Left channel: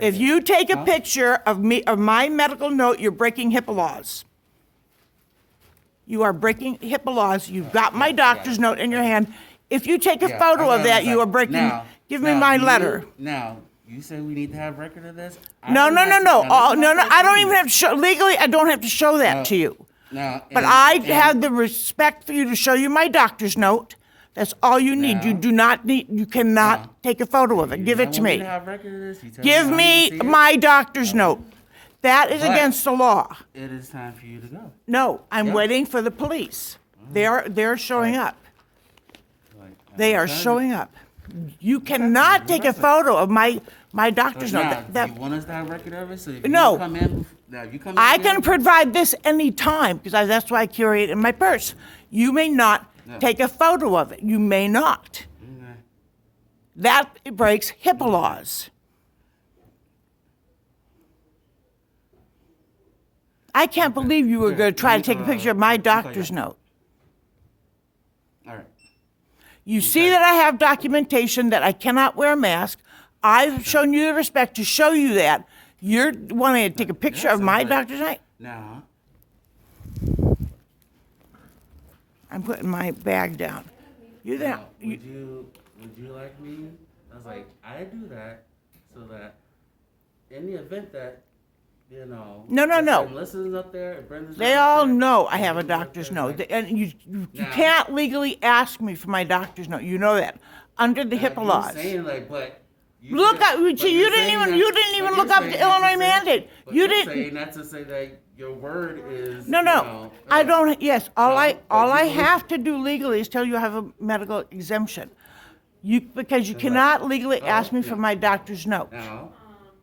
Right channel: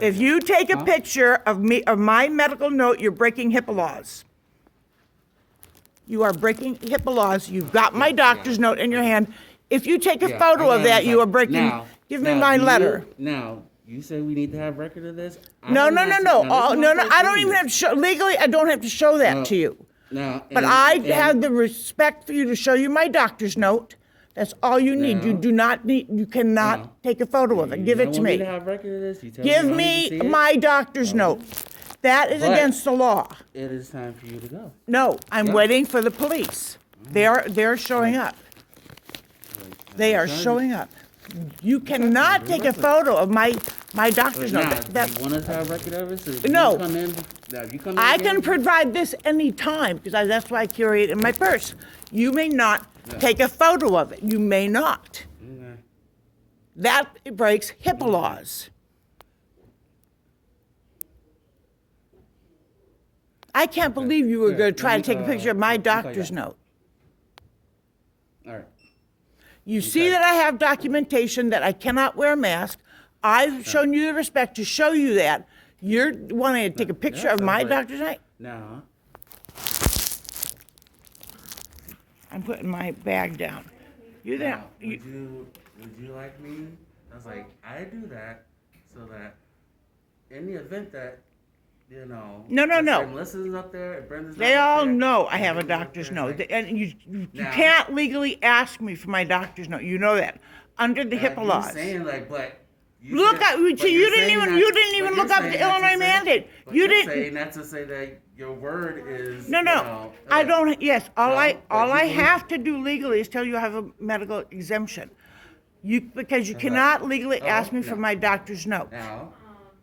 If you take a picture of me, of my medical note, you're breaking HIPAA laws. You are breaking HIPAA laws. You've got my doctor's note in your hand. If you take a photo of that, you are breaking. Give me my letter. Now, you say we need to have record of this? No. I don't even have to show, legally, I don't have to show that to you. But I had the respect for you to show you my doctor's note. That's all you need. You do not need, you cannot take a photo of it. Give it to me. Give me my doctor's note. That is against the law. It is time for you to go. No, I'm waiting for the police. They're showing up. They are showing up. You cannot take a photo of my doctor's note. You want us to have record of it? No. You come in I can provide this any time because that's why I carry it in my purse. You may not take a photo of it. You may not. That breaks HIPAA laws. I can't believe you were going to try to take a picture of my doctor's note. All right. You see that I have documentation that I cannot wear a mask. I've shown you the respect to show you that. You're wanting to take a picture of my doctor's note? Now. I'm putting my bag down. You're there. Would you like me? I was like, I do that so that in the event that, you know. No. Melissa's up there, Brenda's They all know I have a doctor's note. And you can't legally ask me for my doctor's note. You know that. Under the HIPAA laws. Saying like, but you didn't even look up the Illinois mandate. You didn't. Saying that to say that your word is. No. I don't. Yes. All I have to do legally is tell you I have a medical exemption. Because you cannot legally ask me for my doctor's note. Now,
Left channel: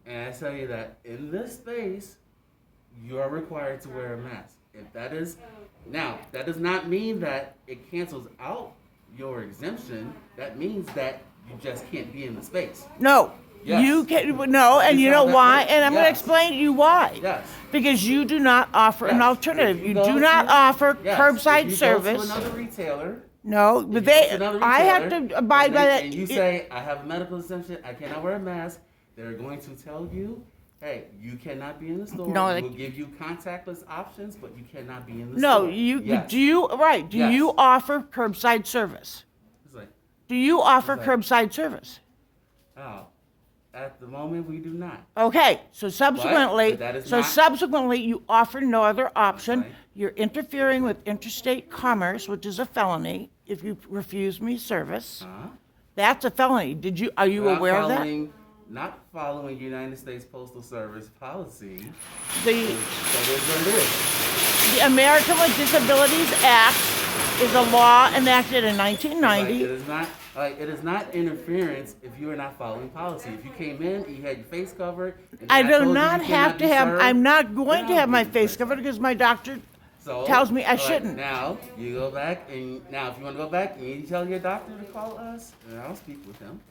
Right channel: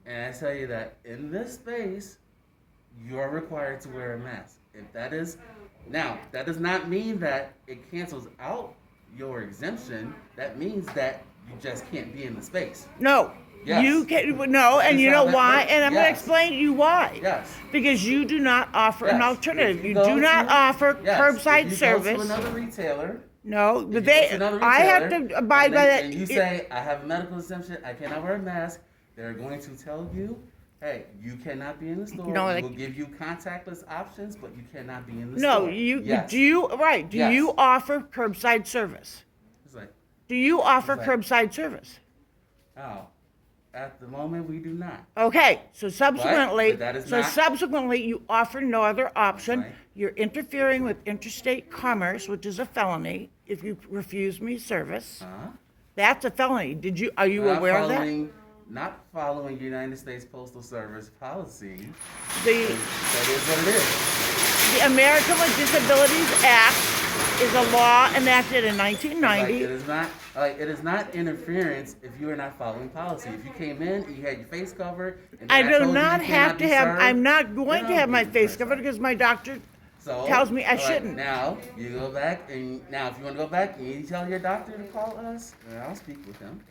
and I tell you that in this space, you are required to wear a mask. If that is, now that does not mean that it cancels out your exemption. That means that you just can't be in the space. No. Yes. You can no, and you know why? Works. And I'm going to explain to you why. Yes. Because you do not offer an alternative. You do not offer curbside service. Go to another retailer. No, but I have to abide by that. And you say, I have a medical exemption, I cannot wear a mask. They're going to tell you, hey, you cannot be in the store. No, we'll give you contactless options, but you cannot be in the No, store. do you offer curbside service? It's like, Do you offer curbside service? oh, at the moment we do not. Okay, so subsequently, But that is not- you offer no other option. Right. You're interfering with interstate commerce, which is a felony if you refuse me service. That's a felony. Are you aware of that? Not following United States Postal Service policy. The That is what it is. the American with Disabilities Act is a law enacted in 1990. It is not interference if you are not following policy. If you came in, you had your face covered. And I then do told you not you have cannot to be have. served, I'm not going then to I'll have my give you face first covered right. because my doctor So, tells me I all right, shouldn't. Now you go back and now if you want to go back and you tell your doctor to call us, then I'll speak with him.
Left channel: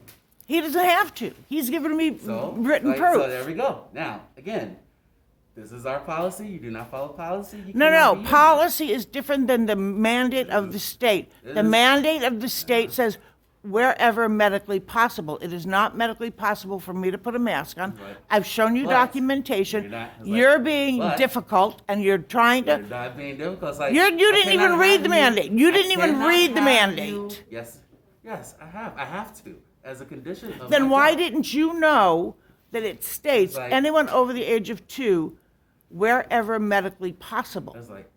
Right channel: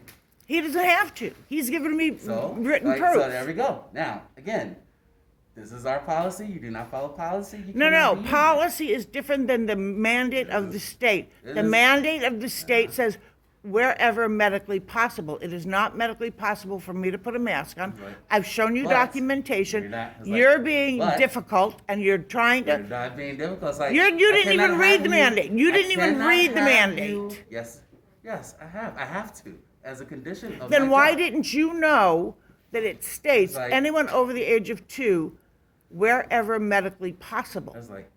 He doesn't have to. He's given me written proof. So there we go. Now again, this is our policy. You do not follow policy. No. Policy is different than the mandate of the state. The mandate of the state says wherever medically possible. It is not medically possible for me to put a mask on. Right. I've shown you But documentation. You're being difficult and you're trying to. You're not being difficult. It's like, You didn't even read the mandate. You didn't even read the mandate. Yes, I have. I have to as a condition of Then my why job. didn't you know that it states It's like- anyone over the age of 2, wherever medically possible? It's like,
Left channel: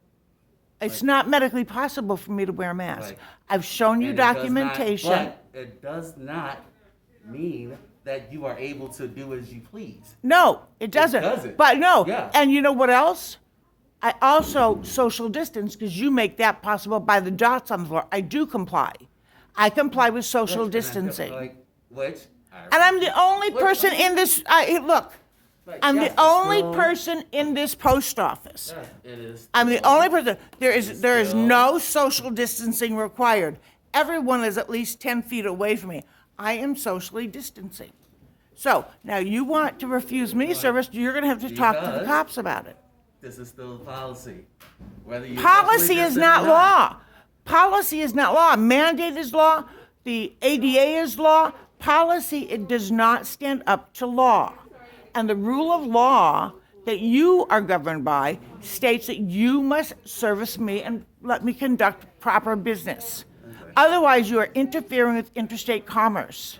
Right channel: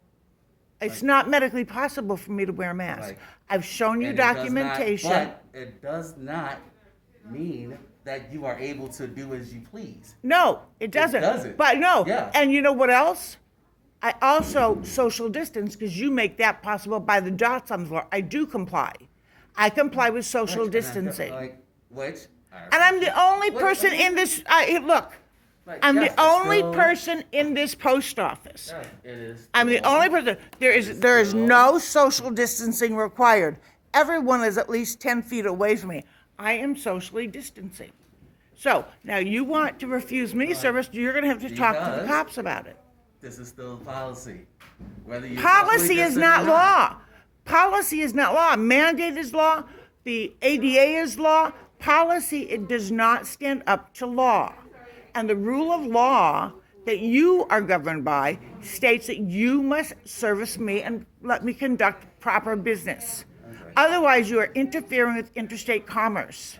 It's not medically possible for me to wear a mask. Right. I've shown you and it does not- documentation. but it does not mean that you are able to do as you please. No, it doesn't. doesn't. But no. Yeah. And you know what else? I also social distance because you make that possible by the dots on the floor. I do comply. I comply with social And I feel distancing. Which? And I'm the only person in this. Look, Like, I'm yes, the only still- person in this post office. Yes, it is. I'm the still- only person. There is no social distancing required. Everyone is at least 10 feet away from me. I am socially distancing. So now you want to refuse me service, you're going to have to talk to the Because- cops about it. This is still policy. Whether you Policy is not law. Policy is not law. Mandate is law. The ADA is law. Policy, it does not stand up to law. And the rule of law that you are governed by states that you must service me and let me conduct proper business. Otherwise, you are interfering with interstate commerce.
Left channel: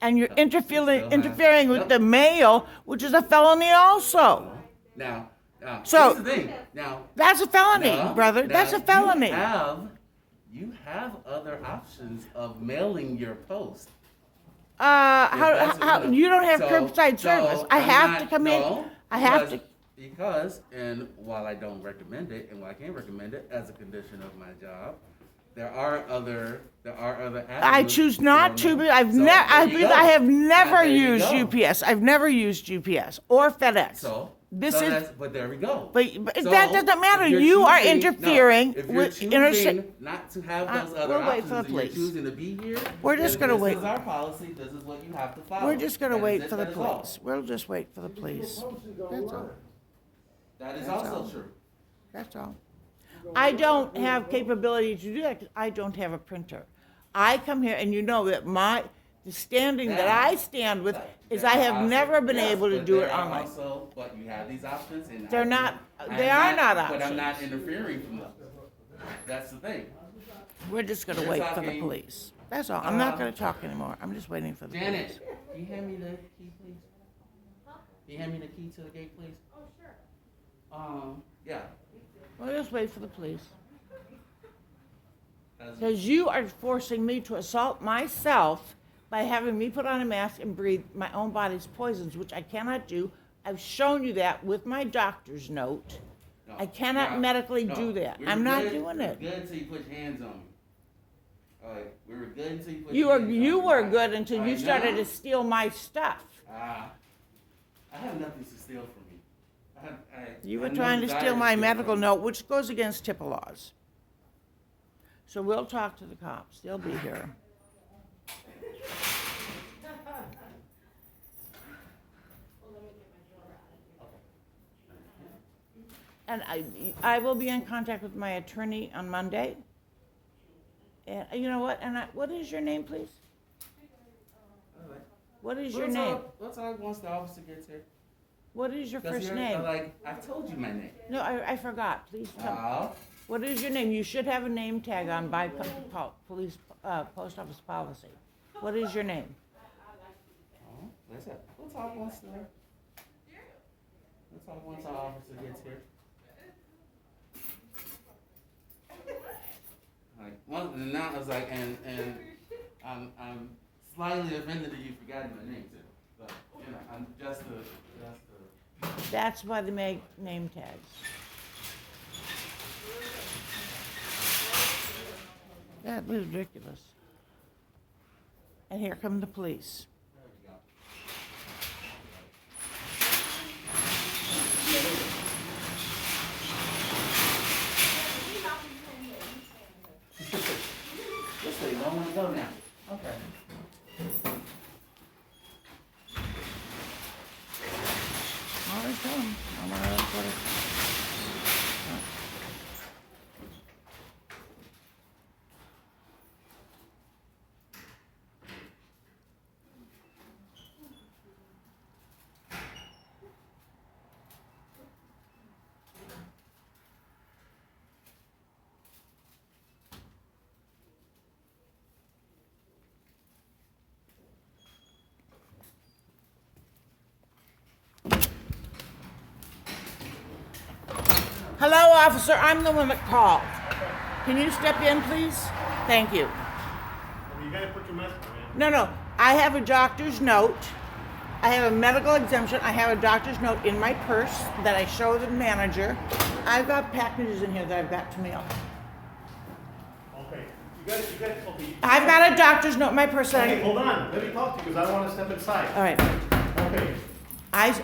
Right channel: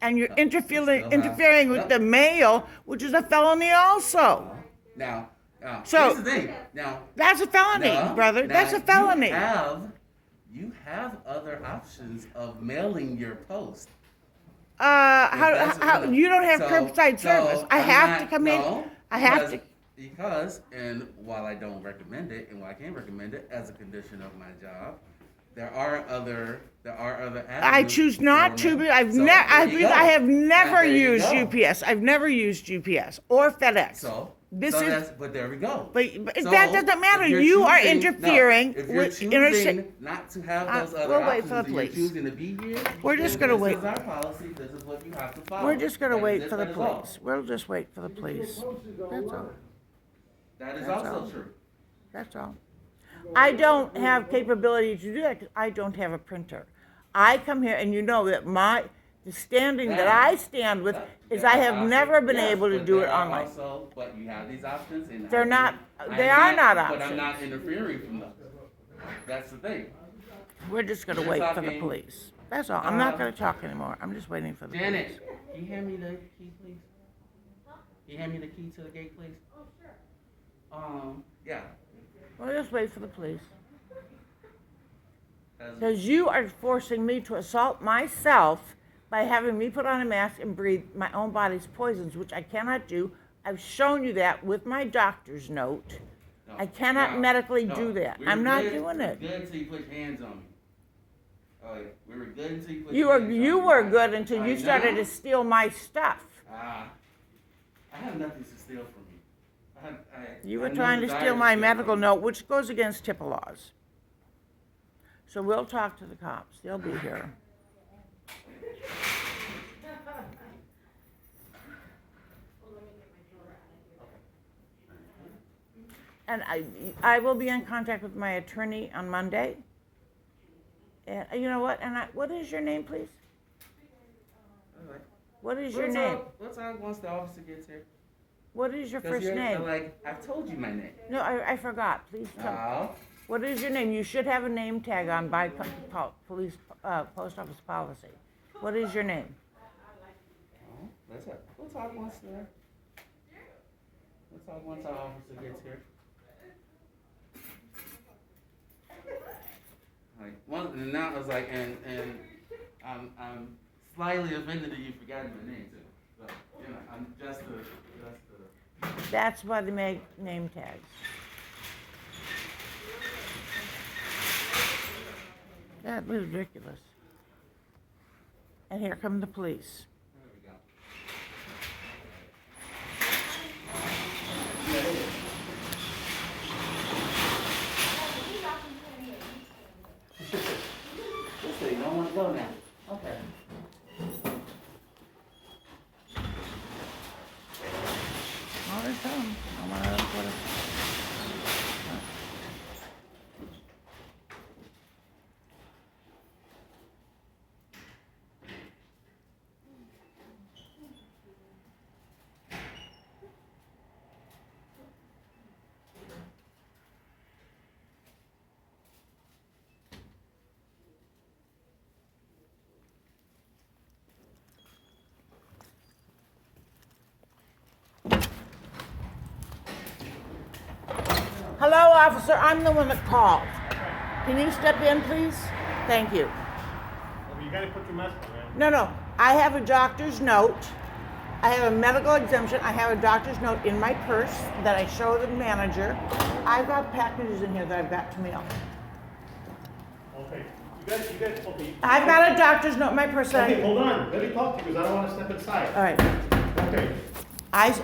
And you're interfering with the mail, which is a felony also. Now, So- here's the thing. Now, That's a felony, now- brother. now That's a felony. You have other options of mailing your post. How you don't have curbside service? I I'm have not- to come in. no, I have to. Because, and while I don't recommend it, and while I can't recommend it as a condition of my job, there are other avenues. I choose not for to. mail. But I have never used UPS. I've never used UPS or FedEx. But there we go. But So, that doesn't matter. if you're You are choosing- interfering if you're with choosing interstate. not to have those other we'll wait options, for the and you're police. choosing to be here. We're just then gonna wait. This is our policy. This is what you have to follow. We're just gonna And wait this for the is law. police. We'll just wait for the police. That's all. That is That's also all. true. That's all. I don't have capability to do that because I don't have a printer. I come here and you know that the standing that I stand with is I have never been able to do it online. But you have these options, and They're not- they are not But I'm not options. interfering from them. That's the thing. We're just gonna You're wait for the talking- police. That's all. I'm not gonna talk anymore. I'm just waiting for the police. Janet, can you hand me the key, please? Can you hand me the key to the gate, please? Oh, sure. Yeah. We'll just wait for the police. That's- Because you are forcing me to assault myself by having me put on a mask and breathe my own body's poisons, which I cannot do. I've shown you that with my doctor's note. No, I cannot no, medically no. do that. We were I'm not good- doing we it. were good until you put your hands on me. Oh, yeah. We were good until you put You your hands on me. were good until I you started know. to steal my stuff. I have nothing to steal from you. You I were have no trying to desire steal my steal medical from you. note, which goes against HIPAA laws. So we'll talk to the cops. They'll be here. And I will be in contact with my attorney on Monday. And you know what? What is your name, please? All right. What is your What's name? up? What's up once the officer gets here? What is your 'Cause first you're, name? Like, I've told you my name. No, I forgot. Please tell me. What is your name? You should have a name tag on by police post office policy. What is your name? Let's we'll talk once we'll talk once our officer gets here. Like and now it's like and I'm slightly offended that you forgot my name too. So you know I'm just a That's why they make name tags. That was ridiculous. And here come the police. there we go. This thing don't want to go now. Okay. Oh, they come. I'm gonna put it. Hello, officer. I'm the one that called. Can you step in, please? Thank you. You gotta put your mask on, man. No. I have a doctor's note. I have a medical exemption. I have a doctor's note in my purse that I show the manager. I've got packages in here that I've got to mail. Okay. You guys, okay. I've got a doctor's note in my purse that Okay, hold on. Let me talk to you because I don't want to step inside. All right. Okay. I